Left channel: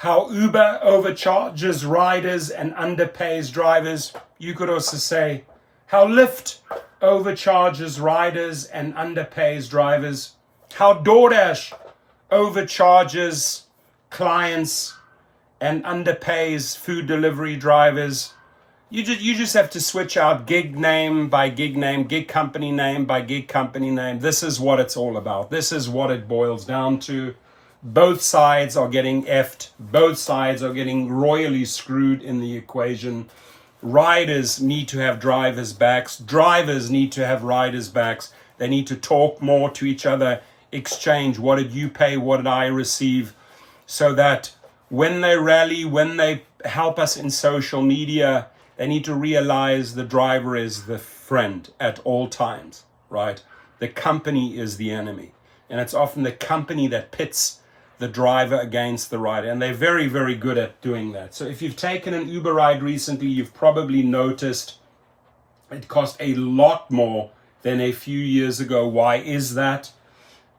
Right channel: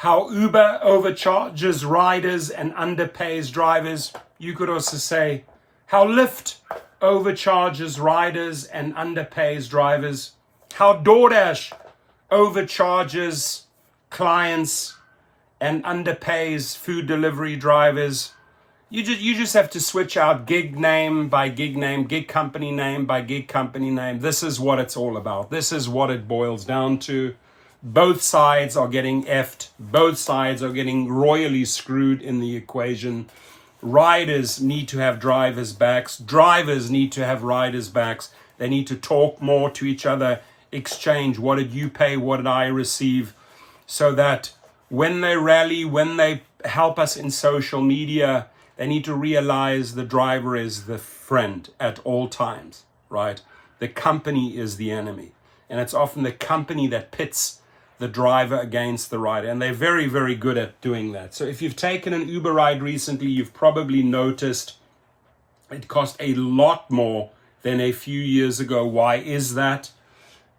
how Uber overcharges riders and underpays drivers. You could also say how Lyft overcharges riders and underpays drivers. How DoorDash overcharges clients and underpays food delivery drivers. You just have to switch out gig name by gig name, gig company name by gig company name. This is what it's all about. This is what it boils down to. Both sides are getting effed. Both sides are getting royally screwed in the equation. Riders need to have drivers' backs. Drivers need to have riders' backs. They need to talk more to each other, exchange. What did you pay? What did I receive? So that when they rally, when they help us in social media, they need to realize the driver is the friend at all times, right? The company is the enemy. And it's often the company that pits the driver against the rider. And they're very, very good at doing that. So if you've taken an Uber ride recently, you've probably noticed it cost a lot more than a few years ago. Why is that?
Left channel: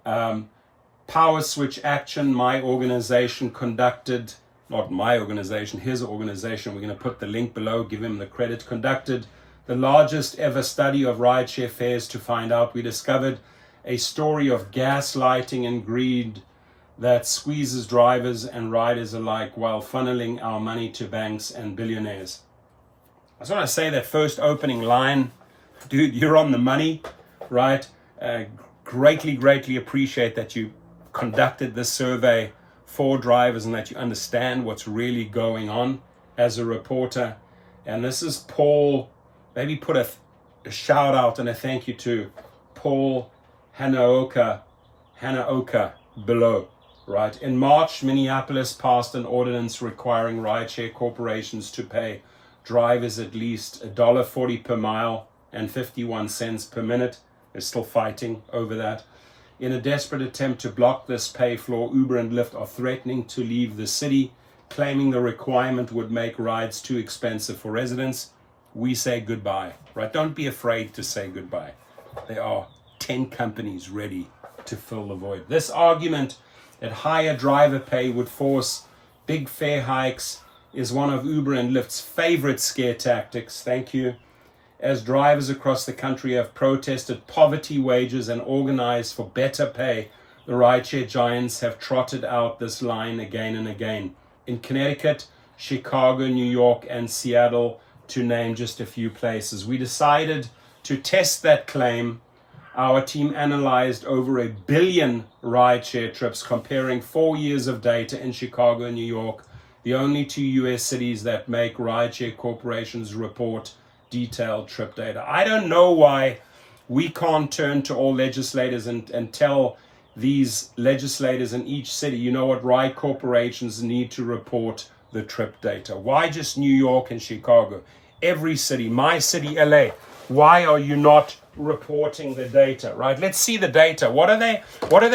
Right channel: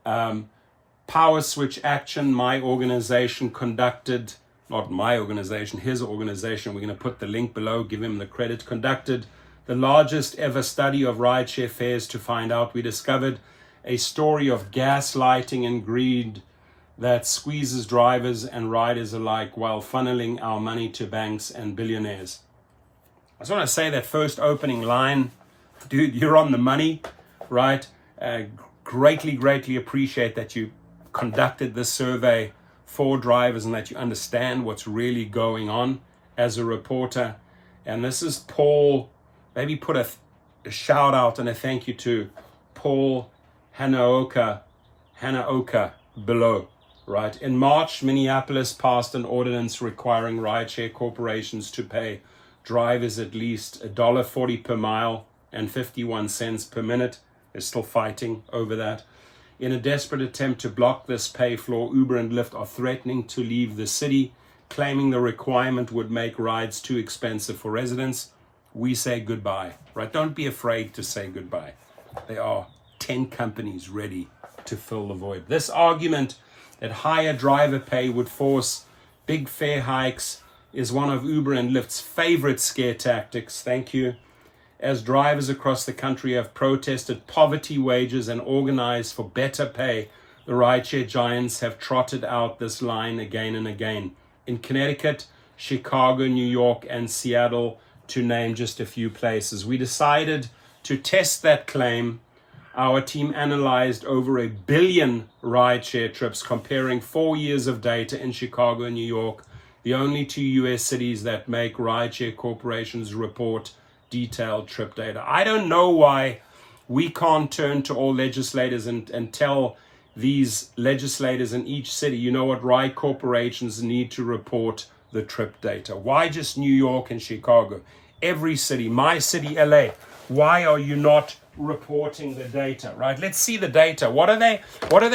Power Switch Action, my organization, conducted, not my organization, his organization, we're going to put the link below, give him the credit, conducted the largest ever study of rideshare fares to find out. We discovered a story of gaslighting and greed that squeezes drivers and riders alike while funneling our money to banks and billionaires. I just want to say that first opening line, dude, you're on the money, right? Greatly appreciate that you conducted this survey for drivers and that you understand what's really going on as a reporter. And this is Paul. Maybe put a shout out and a thank you to Paul Hanaoka below. Right. In March, Minneapolis passed an ordinance requiring rideshare corporations to pay drivers at least $1.40 per mile and 51 cents per minute. They're still fighting over that. In a desperate attempt to block this pay floor, Uber and Lyft are threatening to leave the city, claiming the requirement would make rides too expensive for residents. We say goodbye, right? Don't be afraid to say goodbye. There are 10 companies ready to fill the void. This argument that higher driver pay would force big fare hikes is one of Uber and Lyft's favorite scare tactics. Thank you. As drivers across the country have protested poverty wages and organized for better pay, the rideshare giants have trotted out this line again and again. In Connecticut, Chicago, New York, and Seattle, to name just a few places. We decided to test that claim. Our team analyzed over 1 billion rideshare trips, comparing 4 years of data in Chicago and New York, the only two US cities that make rideshare corporations report detailed trip data. I don't know why we can't turn to all legislators and tell these legislators in each city, you know what, ride corporations need to report the trip data. Why just New York and Chicago? Every city, my city, LA, why are you not reporting the data, right? Let's see the data. What are they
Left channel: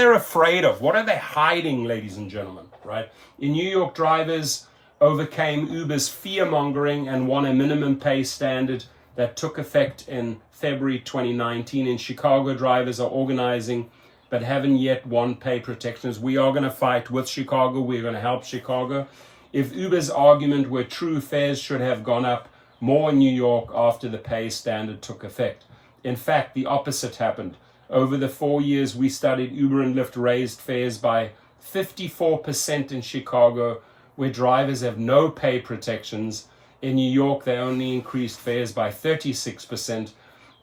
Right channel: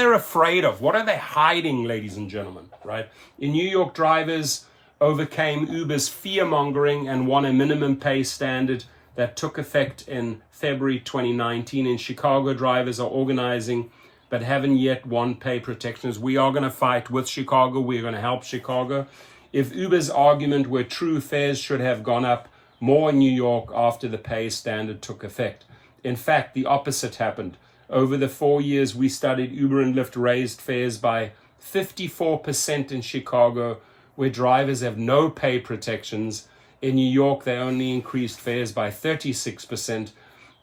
afraid of? What are they hiding, ladies and gentlemen, right? In New York, drivers overcame Uber's fear-mongering and won a minimum pay standard that took effect in February 2019. In Chicago, drivers are organizing but haven't yet won pay protections. We are going to fight with Chicago. We're going to help Chicago. If Uber's argument were true, fares should have gone up more in New York after the pay standard took effect. In fact, the opposite happened. Over the 4 years we studied, Uber and Lyft raised fares by 54% in Chicago, where drivers have no pay protections. In New York, they only increased fares by 36%.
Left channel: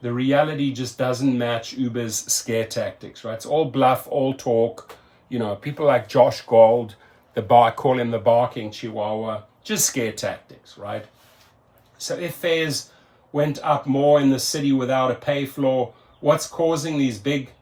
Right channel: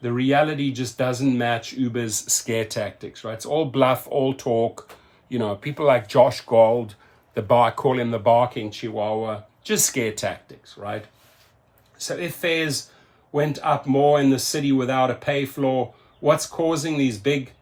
The reality just doesn't match Uber's scare tactics, right? It's all bluff, all talk. You know, people like Josh Gold, call him the barking chihuahua, just scare tactics, right? So if fares went up more in the city without a pay floor, what's causing these big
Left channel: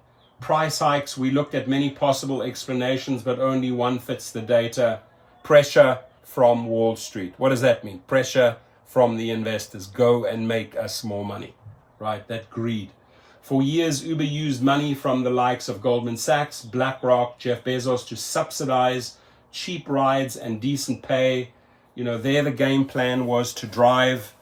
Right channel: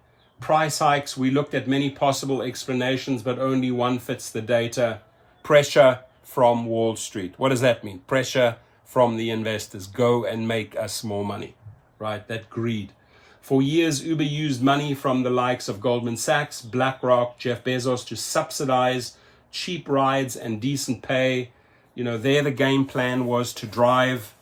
price hikes? We looked at many possible explanations, but only one fits the data. Pressure from Wall Street. What does that mean? Pressure from the investors. Go and make us more money, right? That greed. For years, Uber used money from the likes of Goldman Sachs, BlackRock, Jeff Bezos to subsidize cheap rides and decent pay. You know, there the game plan was to drive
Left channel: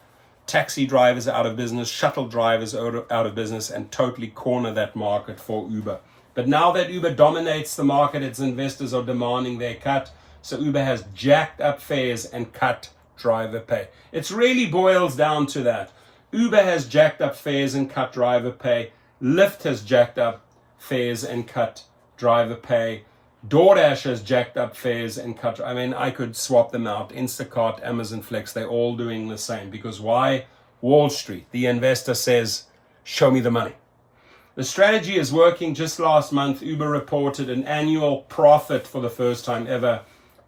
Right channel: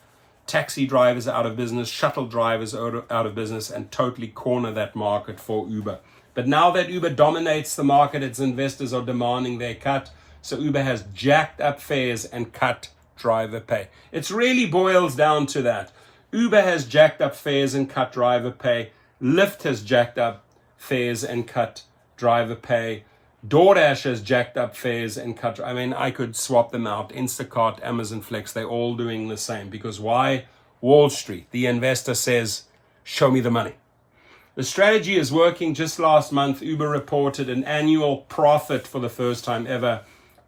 taxi drivers out of business, shuttle drivers out of business, and totally corner that market for Uber. But now that Uber dominates the market, its investors are demanding their cut. So Uber has jacked up fares and cut driver pay. It really boils down to that. Uber has jacked up fares and cut driver pay. Lyft has jacked up fares and cut driver pay. DoorDash has jacked up fares and cut. I mean, I could swap them out. Instacart, Amazon Flex, they're all doing the same. Because why? Wall Street, the investor says, show me the money. The strategy is working. Just last month, Uber reported an annual profit for the first time ever,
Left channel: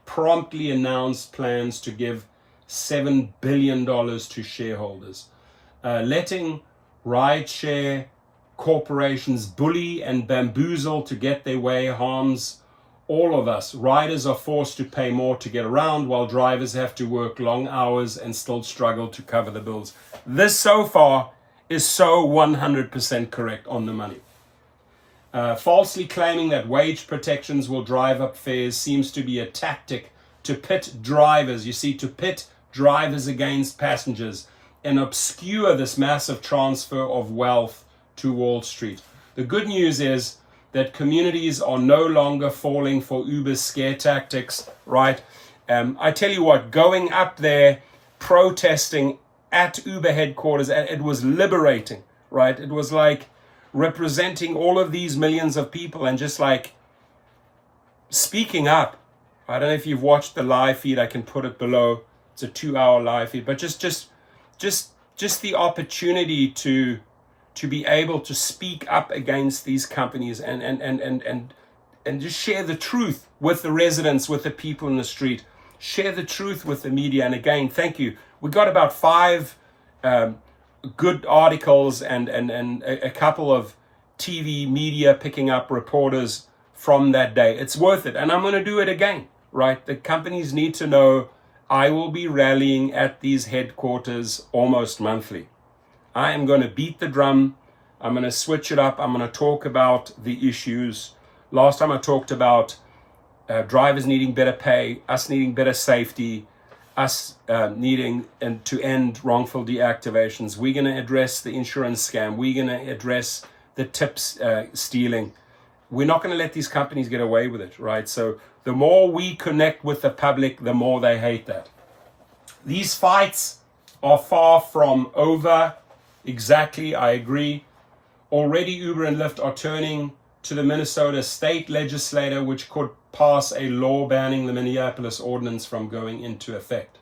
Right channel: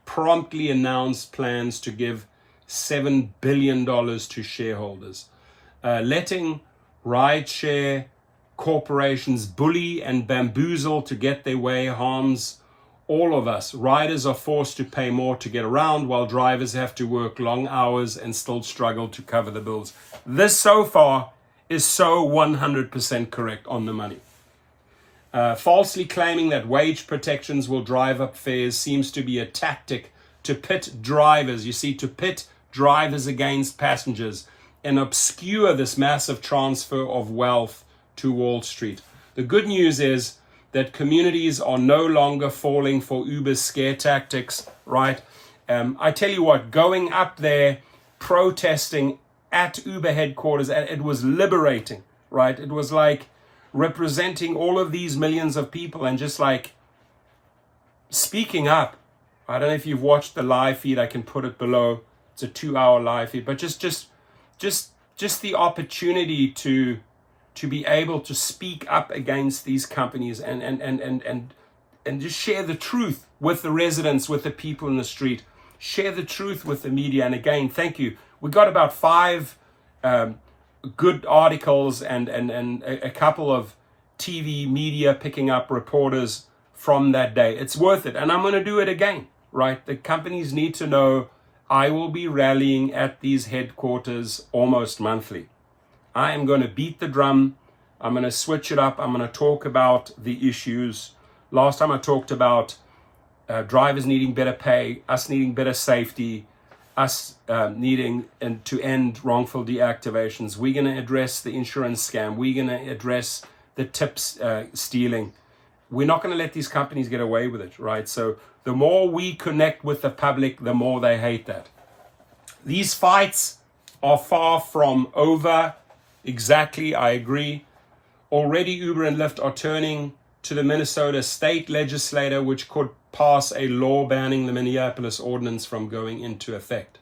promptly announced plans to give $7 billion to shareholders. Letting rideshare corporations bully and bamboozle to get their way harms all of us. Riders are forced to pay more to get around, while drivers have to work long hours and still struggle to cover the bills. This so far is so 100% correct, on the money. Falsely claiming that wage protections will drive up fares seems to be a tactic to pit drivers, to pit drivers against passengers and obscure this massive transfer of wealth to Wall Street. The good news is that communities are no longer falling for Uber's scare tactics, right? I tell you what, going up there, protesting at Uber headquarters, it was liberating, right? It was like representing all of these millions of people and just like speaking up. I don't know if you've watched the live feed, I can put it below. It's a 2-hour live feed, but just the opportunity to be able to speak up against these companies and just share the truth with the residents, with the people in the street, share the truth with the media. And again, thank you. We got about 5 good articles and a couple of TV media picking up reporters from that day. It's worth it. And I'm going to do it again, right? The companies need to know I will be rallying at these headquarters almost monthly. I am going to beat the drum. I'm going to switch it up. I'm going to talk about the issues. Last time I talked about drivers needing better pay, us needing better safety, us needing to end wrongful deactivations. We're going to address the insurance scam. We're going to address the tips stealing. We're not going to let these companies get away with it, right? So the more we connect with the public, the more they hate that. These fights are far from over. Exactly, I agree. Already Uber and Lyft are turning to the Minnesota state legislature, which could pass a law banning the Minneapolis ordinance from going into effect,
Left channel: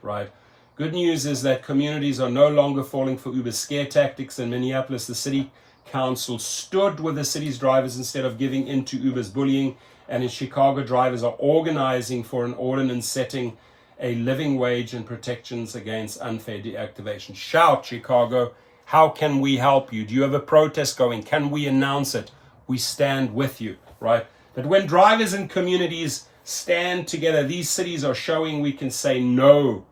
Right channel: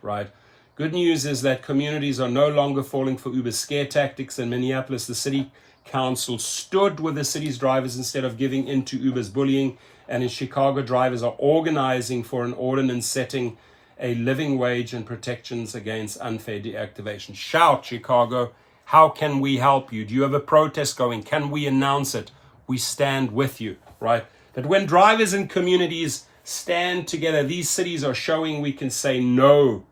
right? Good news is that communities are no longer falling for Uber's scare tactics. In Minneapolis, the city council stood with the city's drivers instead of giving in to Uber's bullying. And in Chicago, drivers are organizing for an ordinance setting a living wage and protections against unfair deactivation. Shout, Chicago. How can we help you? Do you have a protest going? Can we announce it? We stand with you, right? But when drivers and communities stand together, these cities are showing we can say no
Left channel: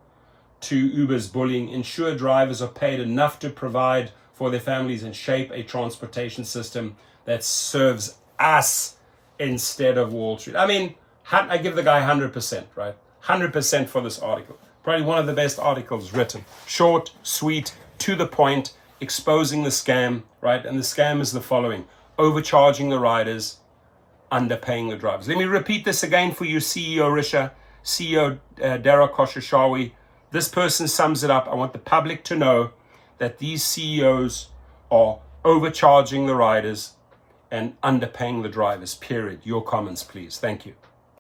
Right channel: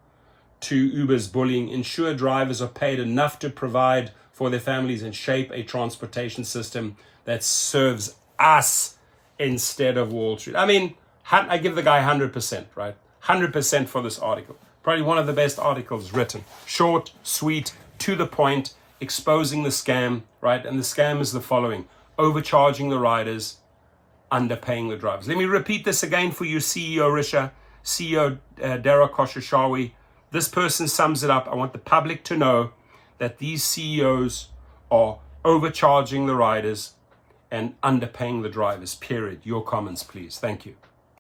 to Uber's bullying, ensure drivers are paid enough to provide for their families, and shape a transportation system that serves us instead of Wall Street. I mean, I give the guy 100%, right? 100% for this article. Probably one of the best articles written. Short, sweet, to the point, exposing the scam, right? And the scam is the following: overcharging the riders, underpaying the drivers. Let me repeat this again for you, CEO Risha, CEO Dara Khosrowshahi. This person sums it up. I want the public to know that these CEOs are overcharging the riders and underpaying the drivers, period. Your comments, please. Thank you.